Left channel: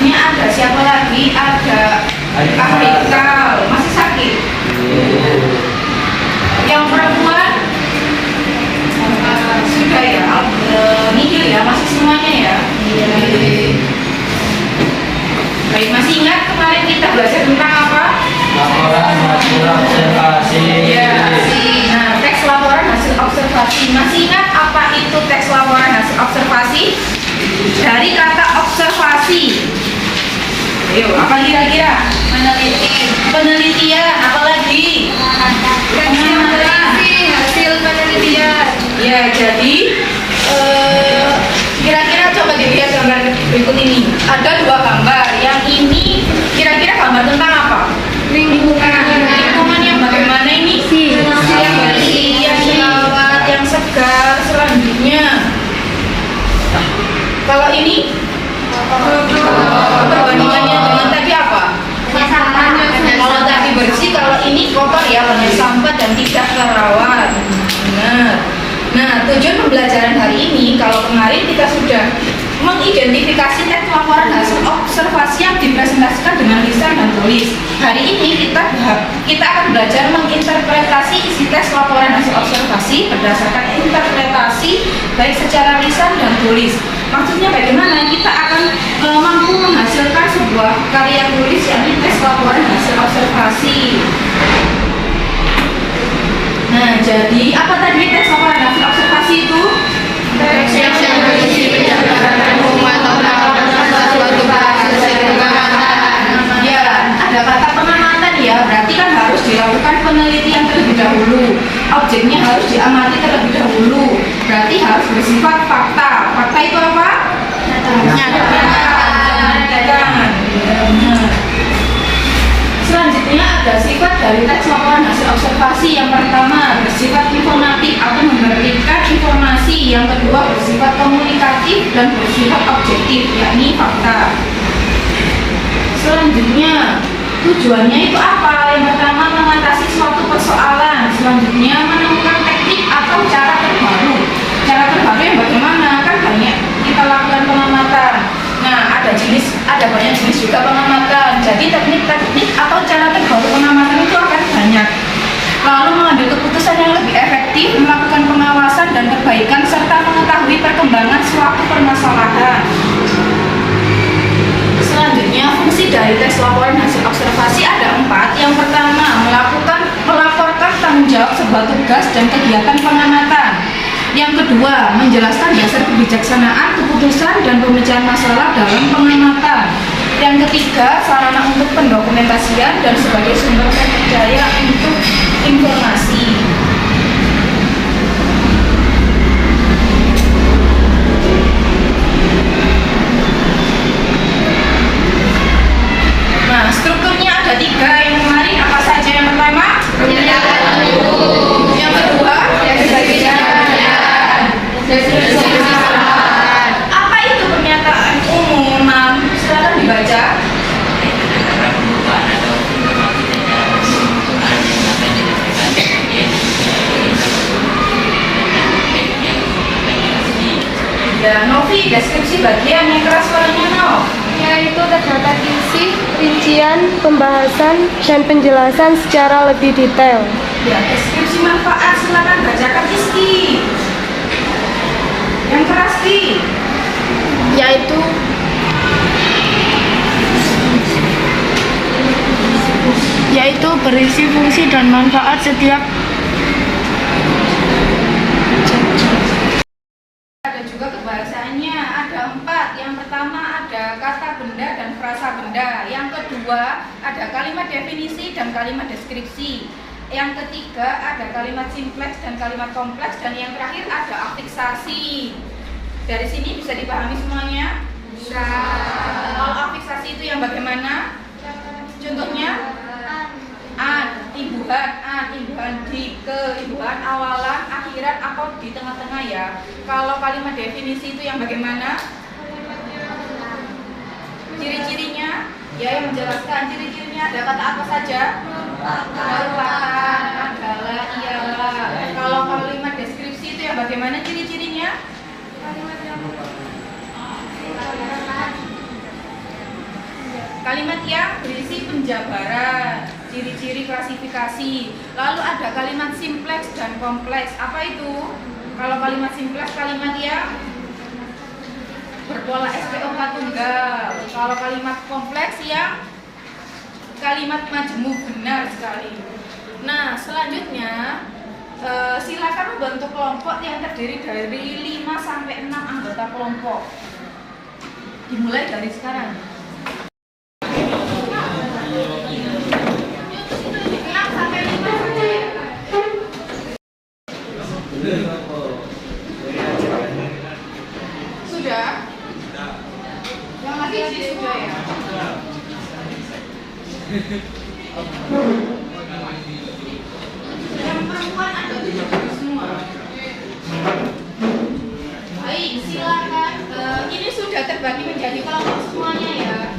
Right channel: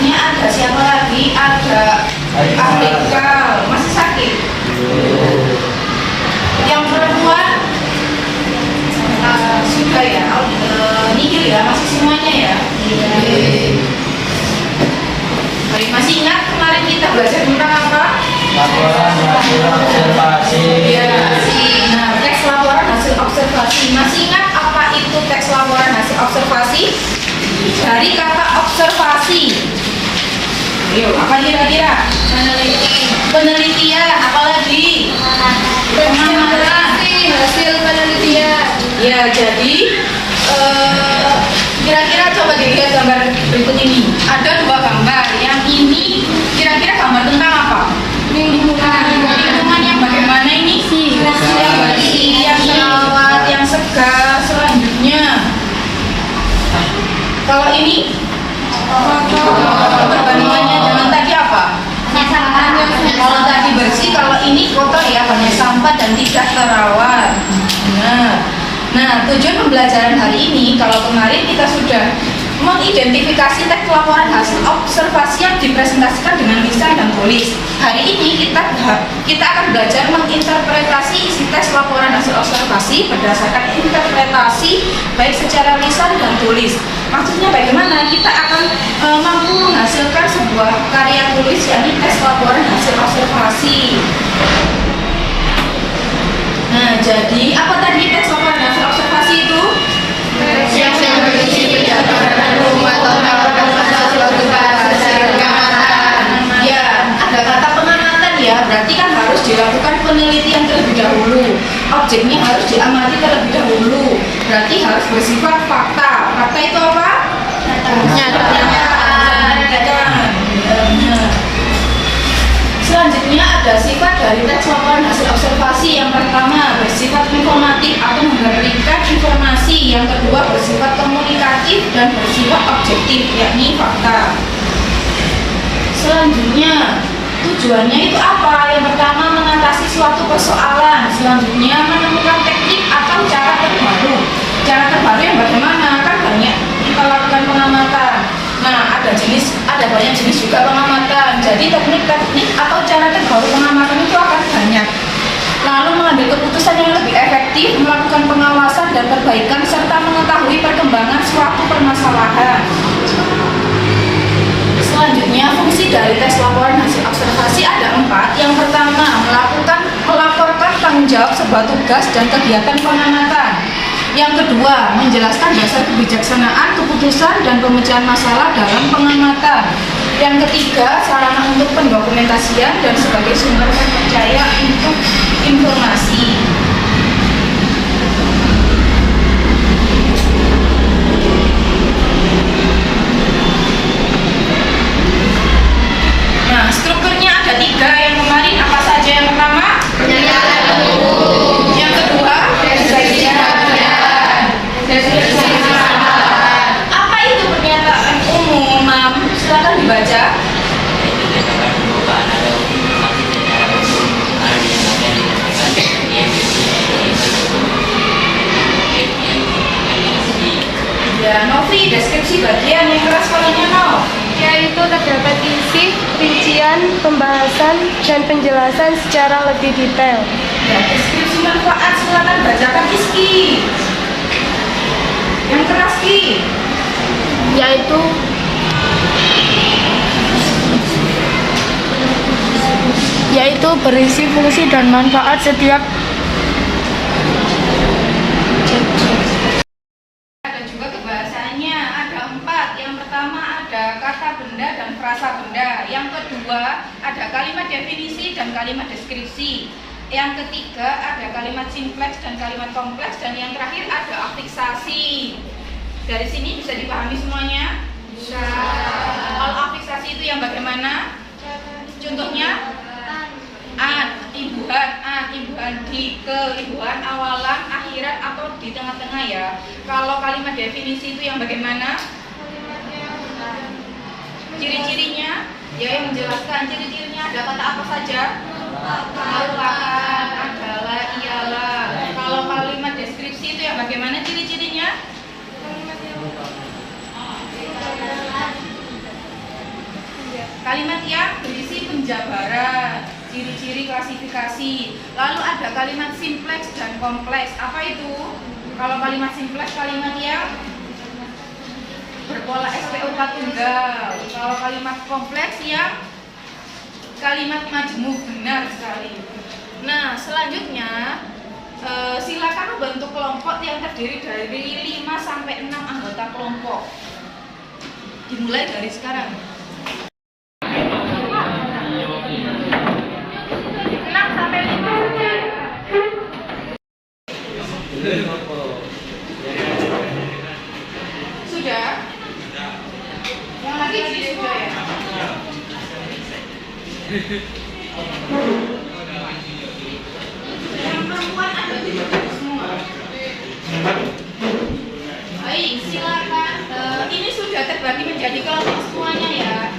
Selanjutnya ada siapa lagi? Ada Afrikal, masih sakit. Yang perempuan sudah ya, nihil ya, masih semuanya ya. Baik, masih ingat kemarin kita belajar tentang apa? Laporan hasil observasi. Ya, nah teks laporan hasil observasi. Masih ingat apa itu teks laporan hasil observasi? Dari kata observasi. Ayo, apa kira-kira? Penelitian, apalagi? Pengamatan. Hasil penelitian. Ya, jadi kira-kira coba dilihat gambar berikut ini. Ada dua gambar. Yang ini kira-kira gambar tentang apa? Lingkungan. Lingkungan yang bagaimana ini? Yang bersih, yang terawat, yang segar. Selanjutnya, kalau ini perbandingannya dengan tadi apa? Kalau tadi bersih, kalau ini kotor ya, banyak sampah dan tidak terawat. Nah, tujuan pembelajaran hari ini, kalau kemarin kita sudah mengidentifikasi teks laporan hasil observasi yang dipresentasikan dengan lisan dan tulis. Hari ini kita akan belajar menginterpretasi isi teks laporan hasil observasi berdasarkan interpretasi baik secara lisan dan tulis. Maksudnya bagaimana? Kita akan mampu menghasilkan sebuah karya tulis, yakni teks laporan hasil observasi. Nah, jadi apa tadi teks laporan hasil observasi itu? Ya, ada kata pengamatan ya, berarti kan harus dilakukan penelitian terlebih dahulu. Objeknya harus diamati terlebih dahulu. Berarti harus bersifat fakta. Fakta itu apa? Selanjutnya ada sifat dari teks laporan hasil observasi. Yang pertama bersifat informatif atau memberikan informasi. Yang kedua bersifat komunikatif dan bersifat objektif, yakni fakta. Selanjutnya tujuannya itu apa? Yang pertama mengatasi suatu persoalan. Selanjutnya menemukan teknik atau cara terbaru. Cara terbaru yang bagaimana? Kan banyak kita lakukan pengamatan. Nah, ada banyak jenis juga pengamatan. Jadi teknik-teknik atau cara terbaru pengamatan itu akan banyak. Lalu mengambil keputusan yang lebih efektif, melakukan pengawasan dan perbaikan serta mengetahui perkembangan suatu permasalahan. Selanjutnya, fungsi dari tes laporan hasil observasi ada 4. Yang pertama, melaporkan tanggung jawab sebuah tugas dan kegiatan pengamatan. Yang kedua, menjelaskan dasar kebijaksanaan, keputusan, dan pemecahan masalah dalam pengamatan. Yang ketiga, sarana untuk pendokumentasian dan sebagai sumber terpercaya untuk informasi. Nah, strukturnya ada 3. Yang kemarin apa saja? Yang pertama, yang kedua, apa itu pernyataan umum, Mam? Silakan dibaca. Ya, Novi, deskripsi bagian yang keras suaranya no. Yaitu terdapat isi, rincian, pembahasan, dan penjelasan secara lebih detail. Ya, deskripsi manfaat silakan bacakan Rizky. Yang keras Ki. Yaitu berisi fungsi dan manfaat setiap. Ada juga kebahasaannya, ada 4. Yang pertama ada kata benda dan frasa benda. Yang kedua ada kalimat definisi dan kalimat deskripsi. Yang ketiga ada kalimat simpleks dan kalimat kompleks. Dan yang terakhir ada afiksasi. Dari sini bisa dipahami semuanya? Bisa. Kalau afiksasi itu yang bagaimana? Contohnya imbuhan di, imbuhan awalan, akhirat, atau di tengah-tengah ya. Kalau kalimat definisi itu yang bagaimana? Ciri-cirinya? Ya, yang menjelaskan ciri-cirinya ada kata apa saja? Merupakan, adalah, ialah. Kalau kalimat deskripsi itu yang bagaimana ciri-cirinya? kalimat yang berisi penjabaran, ciri-ciri klasifikasi. Lalu ada kalimat simpleks dan kompleks. Apa itu? Kalau kalimat simpleks kalimat yang berpola SPOK tunggal. Kalau kalimat kompleks yang kalimat majemuk. Benar sekali. Nah, selanjutnya silakan membentuk kelompok yang terdiri dari 5 sampai 6 anggota kelompok. Dimulai dari sekarang. 6 sampai 5 saja. Sudah? Yang lagi sudah ya? Yang perempuan ada di semua. Baik, silakan. Ini sudah terbagi menjadi kelompok semuanya ya.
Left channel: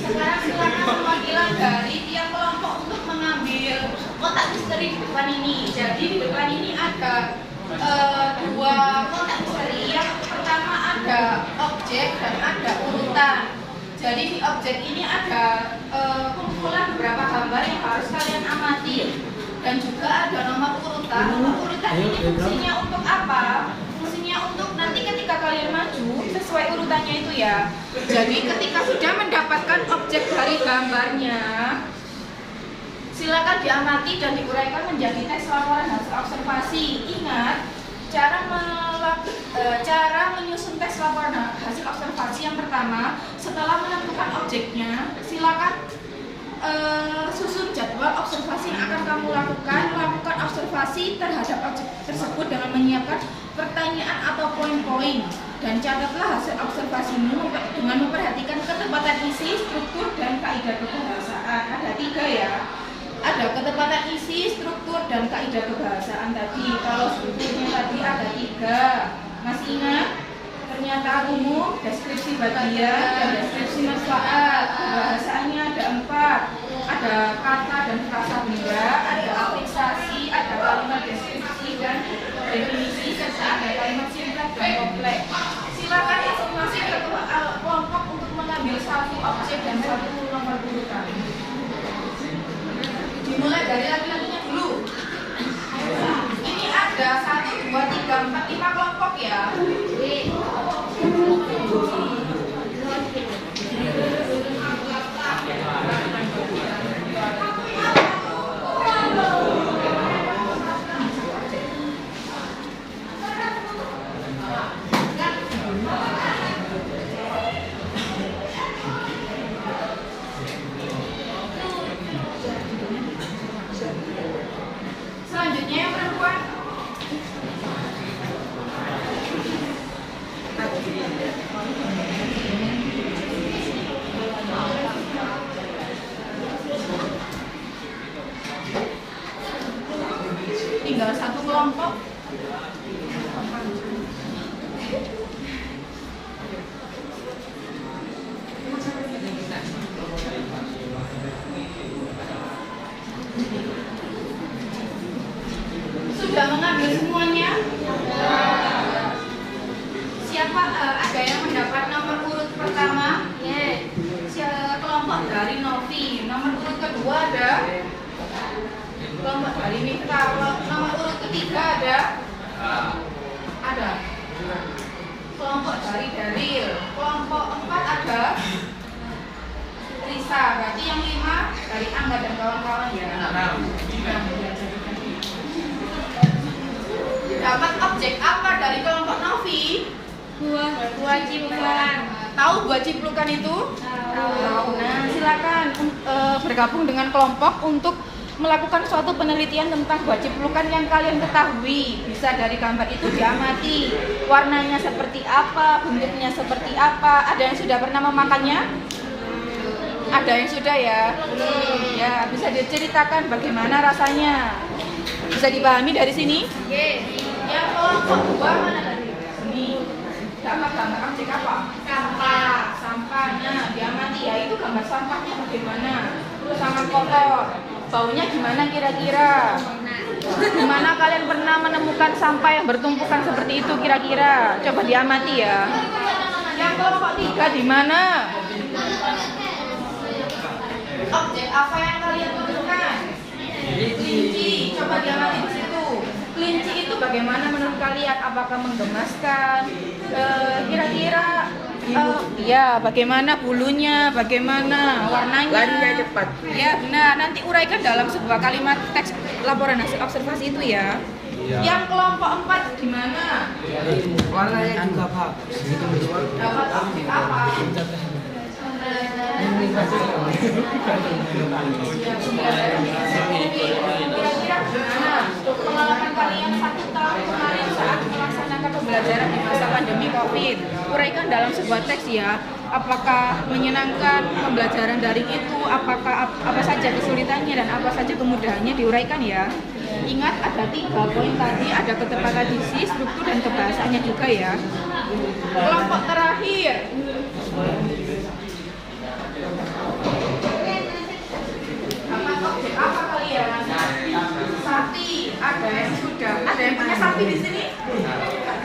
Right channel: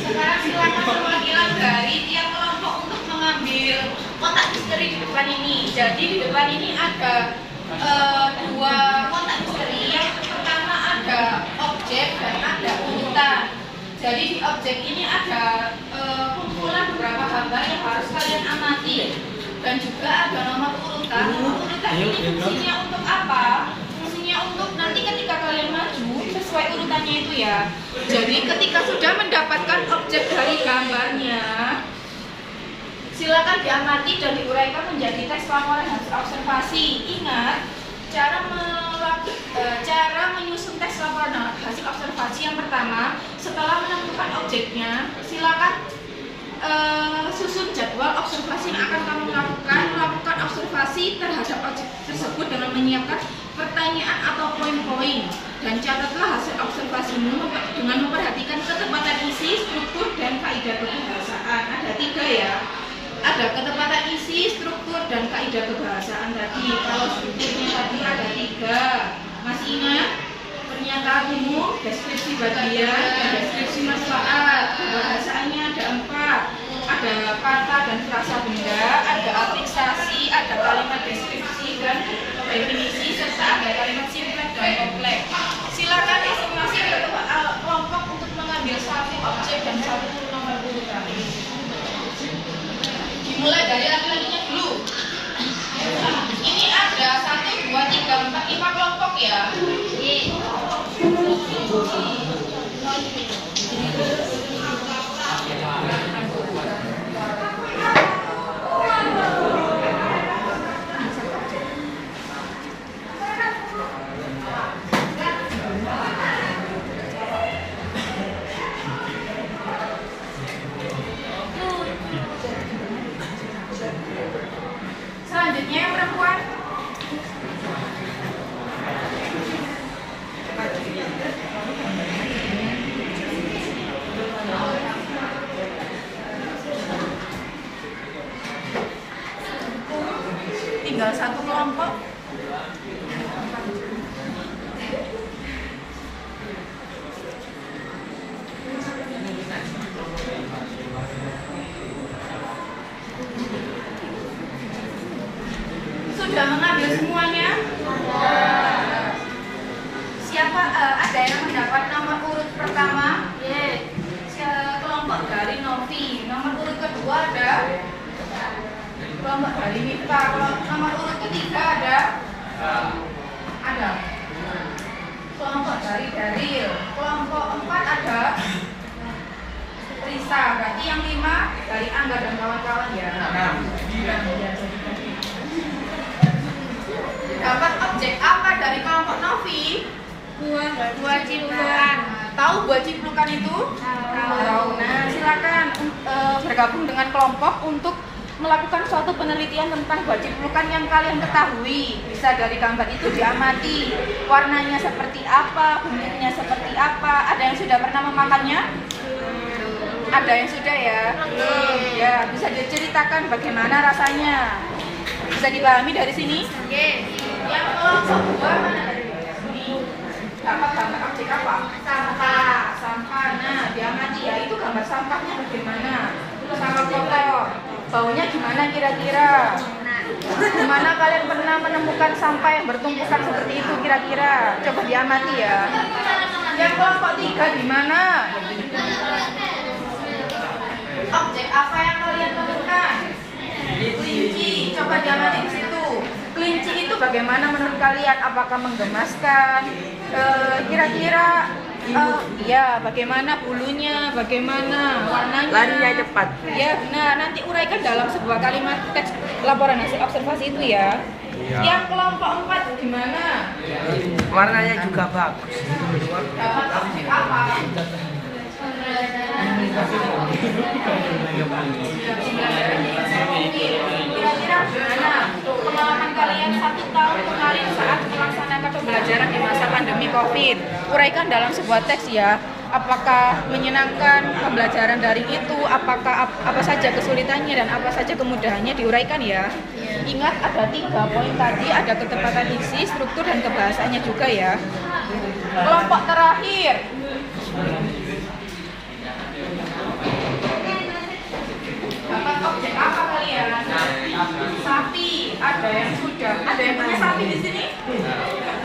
Sekarang silakan perwakilan dari tiap kelompok untuk mengambil kotak misteri di depan ini. Jadi di depan ini ada dua kotak misteri. Yang pertama ada objek dan ada urutan. Jadi di objek ini ada kumpulan beberapa gambar yang harus kalian amati. Dan juga ada nomor urutan. Nomor urutan ini fungsinya untuk apa? Fungsinya untuk nanti ketika kalian maju sesuai urutannya itu ya. Jadi ketika sudah mendapatkan objek dari gambarnya, silakan diamati dan diuraikan menjadi teks laporan hasil observasi. Ingat, cara menyusun teks laporan hasil observasi yang pertama, setelah menentukan objeknya, silakan susun jadwal observasi yang akan kamu lakukan observasi terhadap objek tersebut dengan menyiapkan pertanyaan atau poin-poin, dan catatlah hasil observasimu dengan memperhatikan ketepatan isi, struktur, dan kaidah kebahasaan. Ada 3 ya, ada ketepatan isi, struktur, dan kaidah kebahasaan tadi. Kalau strukturnya tadi ada 3, masih ingat? Pernyataan umum, deskripsi bagian, dan deskripsi masalah. Kebahasaannya ada 4, ada kata dan frasa benda, ada afiksasi, ada kalimat deskripsi dan definisi, serta ada kalimat simpleks dan kompleks. Silakan masing-masing ketua kelompok untuk mengambil satu objek dan satu nomor urutan. Dimulai dari laki-lakinya dulu. Ini ada 1, 2, 3, 4, 5 kelompok ya. Selanjutnya yang perempuan. Tinggal 1 kelompok. Sudah mengambil semuanya? Siapa ada yang mendapat nomor urut pertama? Kelompok dari Novi. Nomor urut kedua ada kelompok dari Mifta. Nomor urut ketiga ada kelompok dari Daril. Kelompok 4 ada Risa. Berarti yang 5 dari Angga dan kawan-kawan ya. Gambar objek apa dari kelompok Novi? Buah ciplukan. Tahu buah ciplukan itu? Tahu. Nah, silakan bergabung dengan kelompok untuk melakukan suatu penelitian tentang buah ciplukan yang kalian ketahui. Bisa dari gambar itu diamati warnanya seperti apa, bentuknya seperti apa. Ada yang sudah pernah memakannya? Ada yang sudah ya? Belum. Ya, bisa diceritakan bagaimana rasanya. Bisa dipahami dari sini? Yang kelompok 2 mana dari sini? Dapat gambar objek apa? Sampah. Nah, diamati ya, itu gambar sampahnya bagaimana? Sampah kotor. Baunya gimana kira-kira? Gimana kalian pernah menemukan sampah yang bertumpukan seperti itu kira-kira? Coba diamati ya. Yang kelompok 3 di mana? Apa yang kalian temukan? Kelinci. Coba diamati di situ. Kelinci itu bagaimana menurut kalian? Apakah menggemaskan? Kira-kira ya, bagaimana bulunya, bagaimana warnanya? Larinya cepat. Ya, nah nanti uraikan dalam sebuah kalimat teks laporan hasil observasi itu ya. Iya. Yang kelompok 4 gimana? Warnanya juga bagus. Dapat objek apa? Ya, pembelajaran di eksekutif. Kira-kira gimana pengalaman kalian 1 tahun kemarin saat melaksanakan pembelajaran di masa pandemi COVID? Uraikan dalam sebuah teks ya. Apakah menyenangkan pembelajaran daring itu? Apakah apa saja kesulitannya dan apa saja kemudahannya diuraikan ya? Ingat ada 3 poin tadi, ada ketepatan diksi, struktur dan kebahasannya juga ya. Kelompok terakhir. Dapat objek apa kalian? Sapi. Ada yang sudah. Ada yang punya sapi di sini?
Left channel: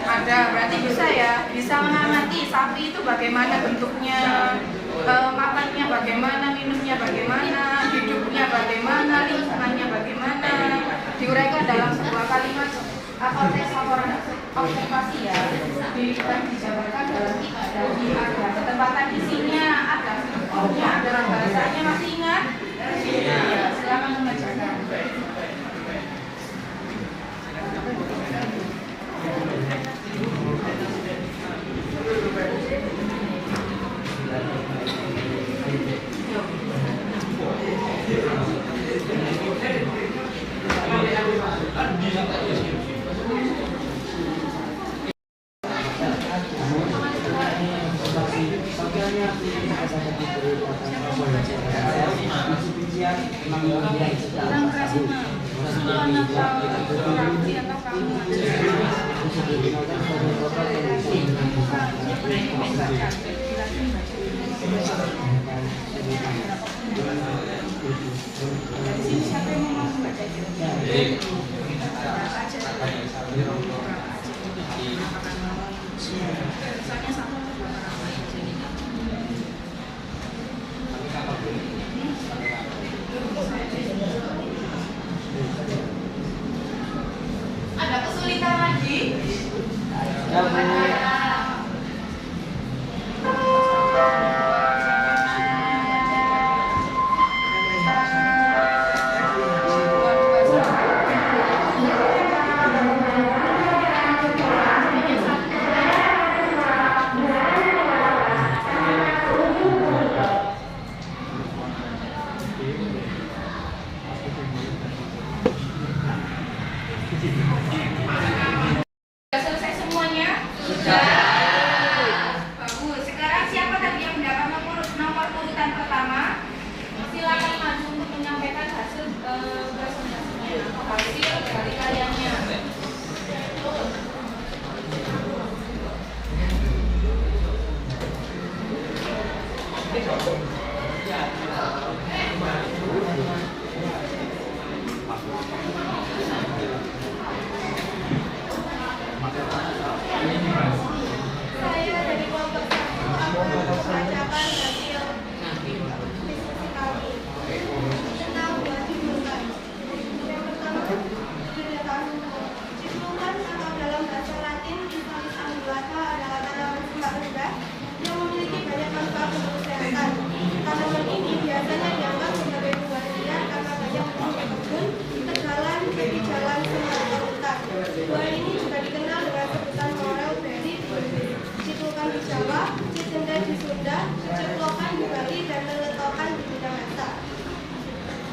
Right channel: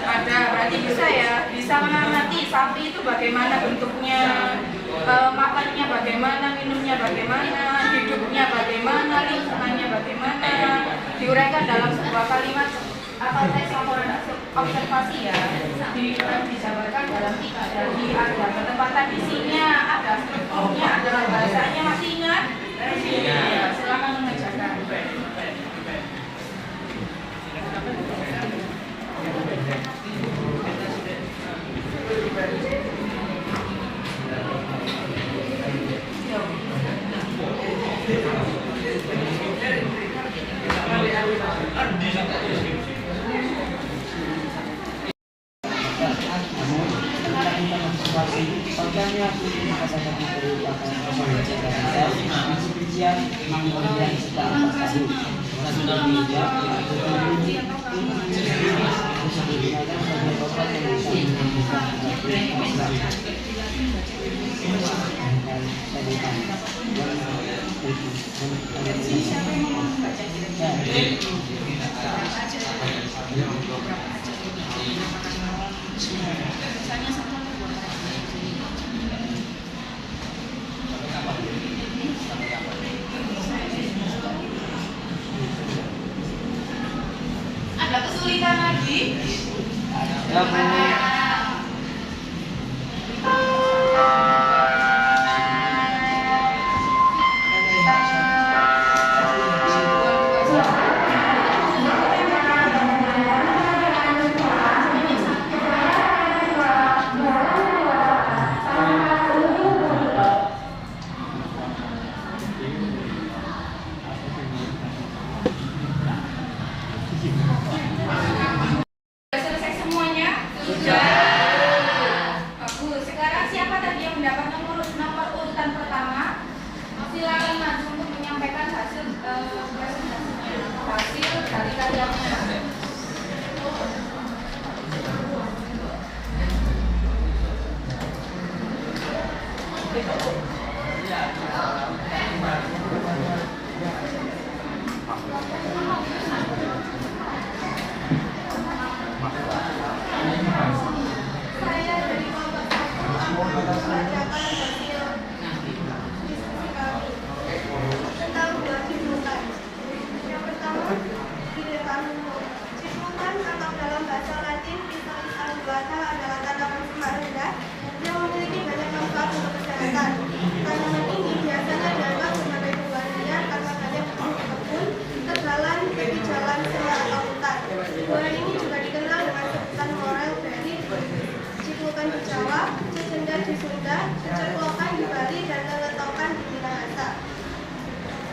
Ada. Berarti bisa ya. Bisa mengamati sapi itu bagaimana bentuknya, makannya bagaimana, minumnya bagaimana, hidupnya bagaimana, lingkungannya bagaimana. Diuraikan dalam sebuah kalimat atau teks laporan observasi ya. Dijabarkan dalam 3. Jadi ada ketepatan isinya, ada strukturnya, ada bahasanya. Masih ingat? Ya, silakan mengerjakan. Ada kesulitan lagi? Sudah selesai semuanya? Sudah. Bagus. Sekarang siapa tadi yang mendapat nomor urutan pertama? Silakan maju untuk menyampaikan hasil presentasinya. Hasil dari karyanya. Saya dari kelompok 1 akan membacakan hasil diskusi kami tentang 2 judulkan. Yang pertama, judul kami Cipulkan atau dalam bahasa Latin Pisalis angulata adalah tanaman semak rendah yang memiliki banyak manfaat untuk kesehatan. Tanaman ini biasanya dianggap sebagai buah liar karena banyak di kebun, tegalan, tepi jalan, semak atau hutan. Buah ini juga dikenal dengan sebutan morel berry, cipulkan di Jawa, cecenda di Sunda, ceceplokan di Bali, dan leletokan di Minahasa.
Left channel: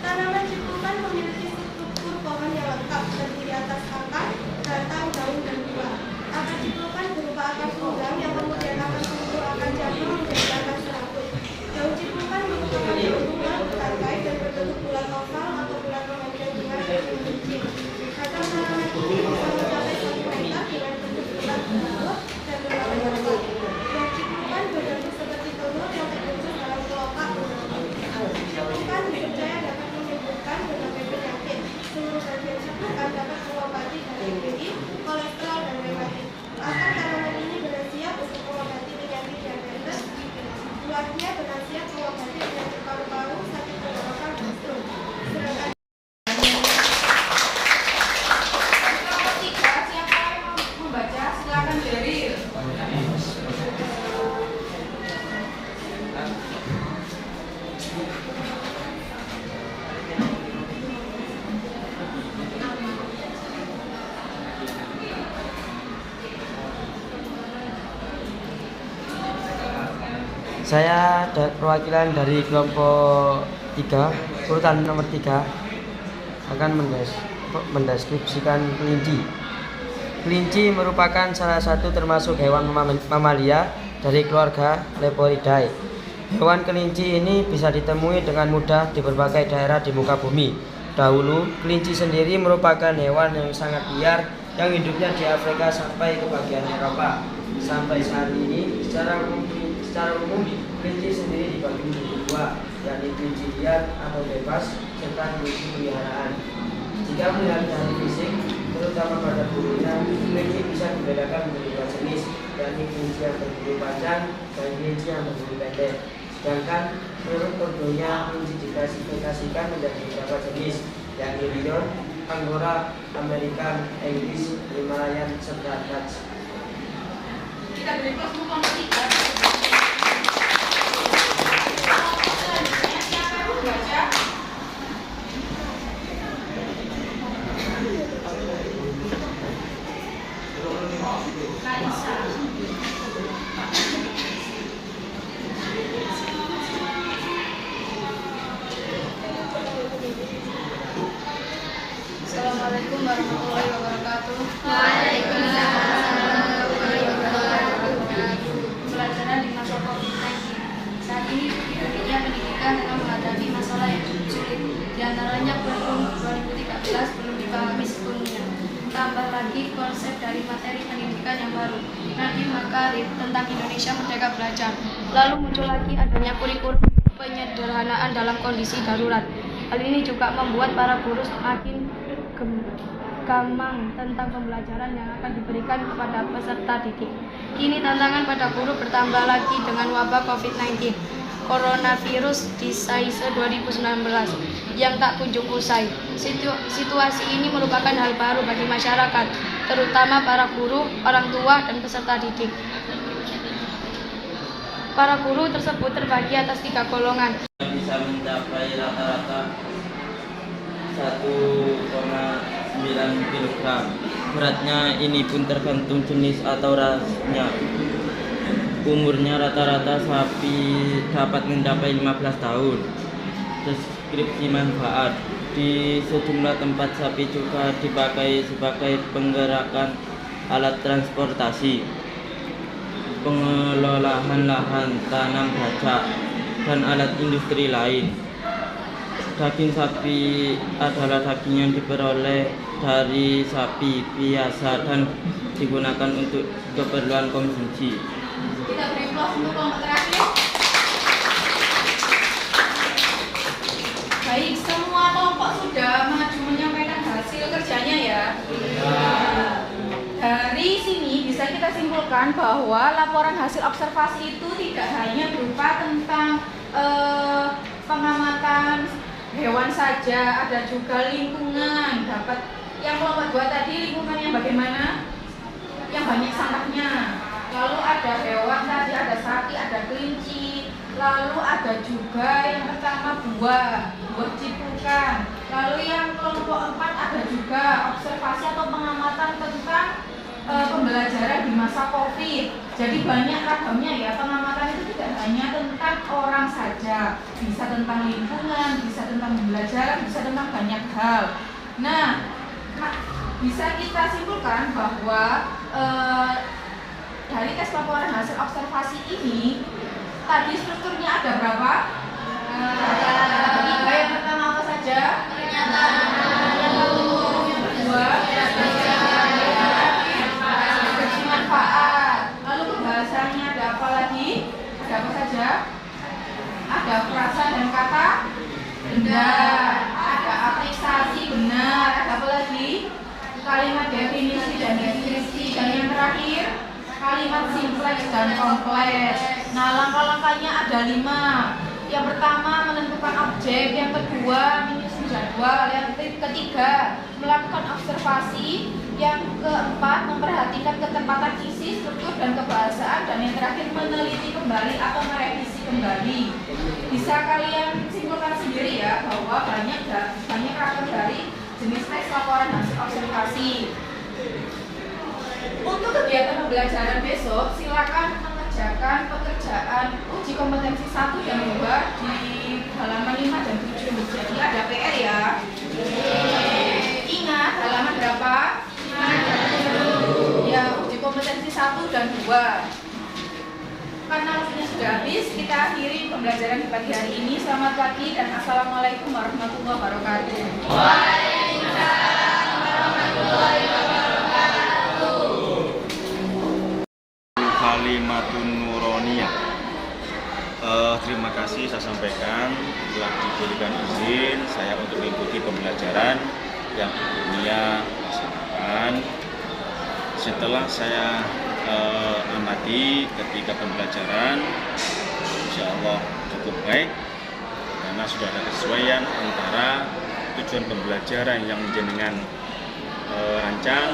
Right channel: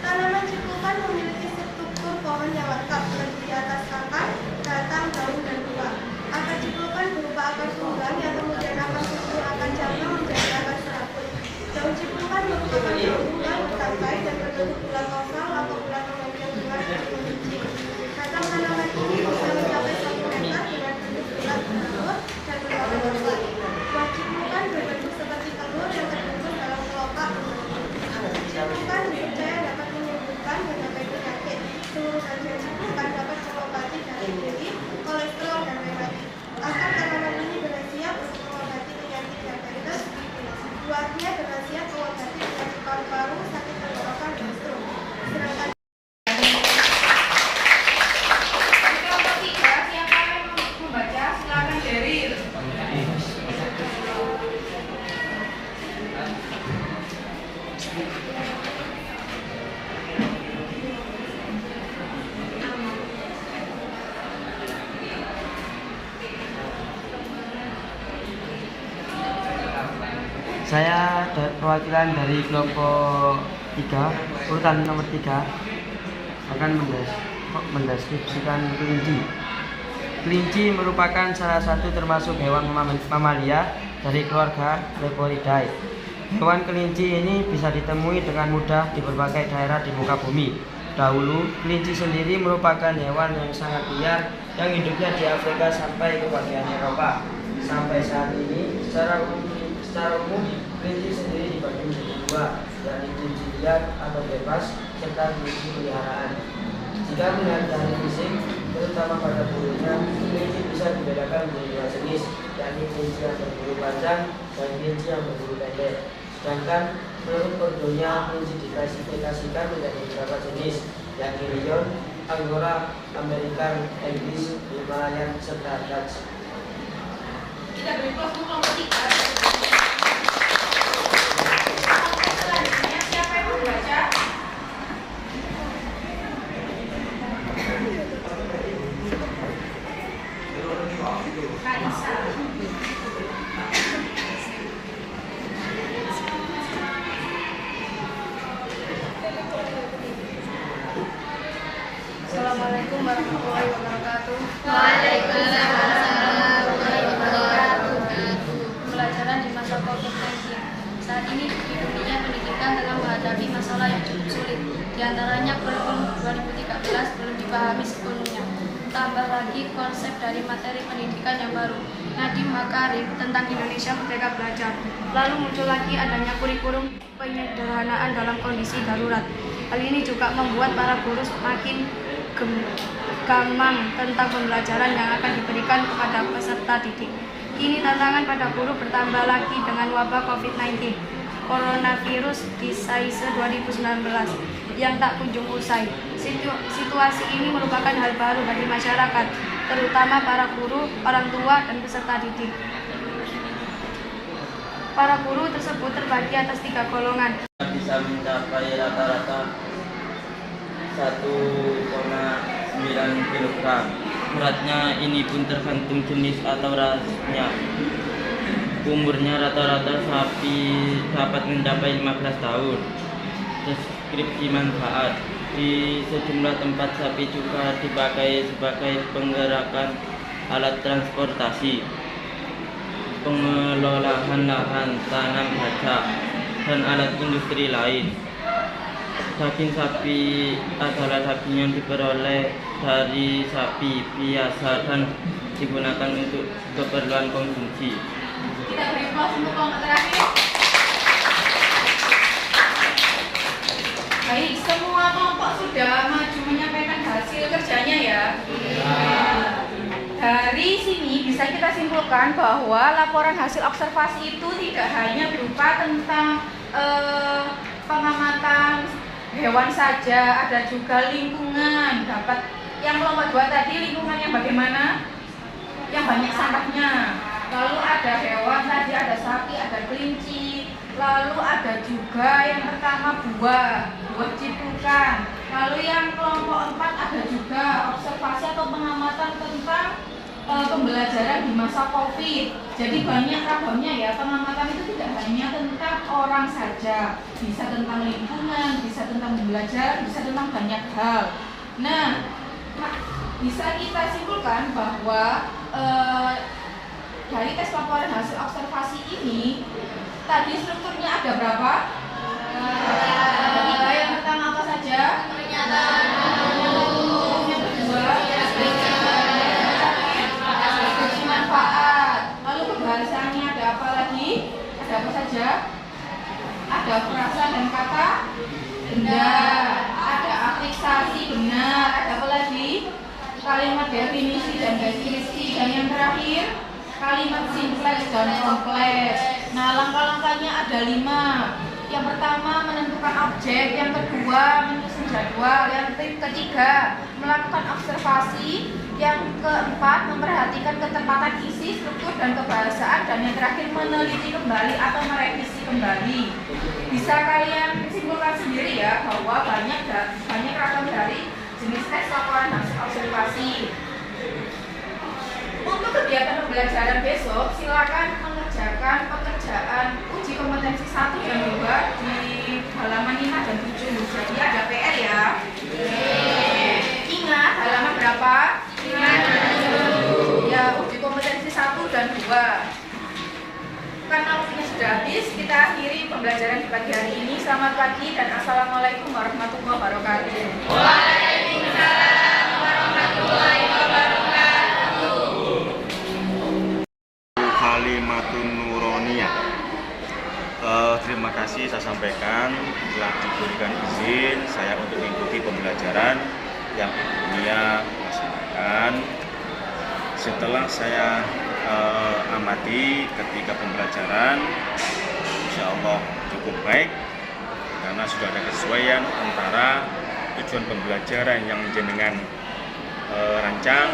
Tanaman cipulkan memiliki struktur pohon yang lengkap, terdiri atas akar, batang, daun, dan buah. Akar cipulkan berupa akar tunggang yang kemudian akan tumbuh akan cabang menjadi akar serabut. Daun cipulkan merupakan daun tunggang bertangkai dan berbentuk bulat oval atau bulat memanjang dengan meruncing. Batang tanaman ini bisa mencapai 1 meter dengan bentuk bulat bertelur dan berwarna coklat. Buah cipulkan berbentuk seperti telur yang terbentuk dalam kelopak. Cipulkan dipercaya dapat menyembuhkan berbagai penyakit. Seluruh bagian cipulkan dapat mengobati darah tinggi, kolesterol, dan rematik. Akar tanaman ini berkhasiat untuk mengobati penyakit diabetes. Buahnya berkhasiat mengobati Saya perwakilan dari kelompok 3, urutan nomor 3, akan mendeskripsikan kelinci. Kelinci merupakan salah satu termasuk hewan mamalia dari keluarga Leporidae. Hewan kelinci ini bisa ditemui dengan mudah di berbagai daerah di muka bumi. Dahulu, kelinci sendiri merupakan hewan yang sangat liar yang hidupnya di Afrika sampai ke bagian Eropa. Sampai saat ini, secara umum, kelinci sendiri dibagi menjadi dua, yakni kelinci liar atau bebas, serta kelinci peliharaan. Jika melihat dari fisik, terutama pada bulunya, kelinci bisa dibedakan menjadi dua jenis, yakni kelinci yang berbulu panjang dan kelinci yang berbulu pendek. Sedangkan menurut kondonya, kelinci diklasifikasikan menjadi beberapa jenis, yakni Lion, Angora, American, English, Himalayan, serta Dutch. Kita beri kelompok nomor 3. Selanjutnya siapa yang membaca? Kaisa. Assalamualaikum warahmatullahi wabarakatuh. Waalaikumsalam warahmatullahi wabarakatuh. Pembelajaran di masa COVID-19. Saat ini di dunia pendidikan tengah menghadapi masalah yang cukup sulit. Di antaranya kurikulum 2013 belum dipahami sepenuhnya. Tambah lagi konsep dari materi pendidikan yang baru, Nadiem Makarim tentang Indonesia Merdeka Belajar. Lalu muncul lagi adanya kurikulum penyederhanaan dalam kondisi darurat. Hal ini juga membuat para guru semakin gamang tentang pembelajaran yang akan diberikan kepada peserta didik. Kini tantangan pada guru bertambah lagi dengan wabah COVID-19, coronavirus disease 2019 yang tak kunjung usai. Situasi ini merupakan hal baru bagi masyarakat, terutama para guru, orang tua, dan peserta didik. Para guru tersebut terbagi atas 3 golongan. Bisa mencapai rata-rata 1,9 kg. Beratnya ini pun tergantung jenis atau rasnya. Umurnya rata-rata sapi dapat mencapai 15 tahun. Deskripsi manfaat. Di sejumlah tempat sapi juga dipakai sebagai penggerakan alat transportasi, pengelolaan lahan tanam baca, dan alat industri lain. Daging sapi adalah daging yang diperoleh dari sapi biasa dan digunakan untuk keperluan konsumsi. Kita beri aplaus untuk kelompok terakhir. Baik, semua kelompok sudah maju menyampaikan hasil kerjanya ya. Dari sini bisa kita simpulkan bahwa laporan hasil observasi itu tidak hanya berupa tentang pengamatan hewan saja, ada juga lingkungan. Dapat yang kelompok 2 tadi, lingkungan yang bagaimana? Yang banyak sampahnya. Lalu ada hewan tadi, ada sapi, ada kelinci. Lalu ada juga yang pertama buah ciprukan. Lalu yang kelompok 4 ada juga observasi atau pengamatan tentang pembelajaran di masa COVID. Jadi banyak ragamnya ya, pengamatan itu tidak hanya tentang orang saja, bisa tentang lingkungan, bisa tentang pembelajaran, bisa tentang banyak hal. Nah, bisa kita simpulkan bahwa dari tes laporan hasil observasi ini, tadi strukturnya ada berapa? Yang pertama apa saja? Yang kedua, manfaat. Lalu pembahasannya ada apa lagi? Ada apa saja? Ada frasa dan kata benar, ada apliksasi benar, ada apa lagi? Kalimat definisi dan deskripsi, dan yang terakhir kalimat simpleks dan kompleks. Nah, langkah-langkahnya ada 5. Yang pertama menentukan objek, yang kedua menyusun jadwal, yang ketiga melakukan observasi, yang keempat memperhatikan ketepatan isi, struktur dan kebahasaan, dan yang terakhir meneliti kembali atau merevisi kembali. bisa kalian simpulkan sendiri ya bahwa banyak ragam dari jenis tes laporan hasil autentikasi. Untuk kegiatan pembelajaran besok, silakan mengerjakan pekerjaan uji kompetensi 1 dan 2 di halaman 5 dan 7. Jadi ada PR ya. Ingat halaman berapa? Ya, uji kompetensi 1 dan 2. Karena waktunya sudah habis, kita akhiri pembelajaran di pagi hari ini. Selamat pagi dan assalamualaikum warahmatullahi wabarakatuh. Waalaikumsalam warahmatullahi wabarakatuh. Kalimatun Nuroniyah. Terima kasih saya sampaikan telah diberikan izin saya untuk mengikuti pembelajaran yang dunia laksanakan. Setelah saya amati ketika pembelajaran, insya Allah cukup baik karena sudah ada kesesuaian antara tujuan pembelajaran yang jenengan rancang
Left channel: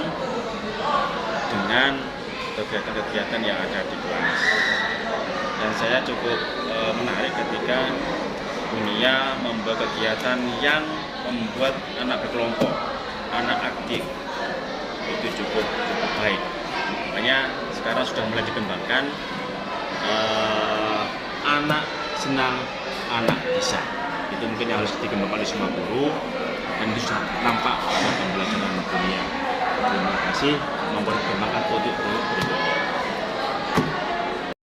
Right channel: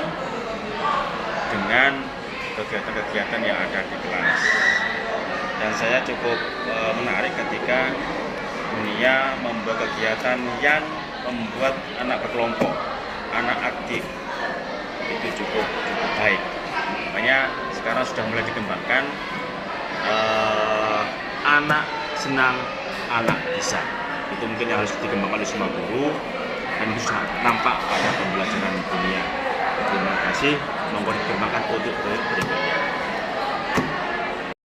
dengan kegiatan-kegiatan yang ada di kelas. Dan saya cukup menarik ketika dunia membuat kegiatan yang membuat anak berkelompok, anak aktif, itu cukup baik. Makanya sekarang sudah mulai dikembangkan anak senang, anak bisa. Itu mungkin harus dikembangkan oleh semua guru dan itu sudah nampak pada pembelajaran dunia. Terima kasih, mohon dikembangkan untuk berikutnya.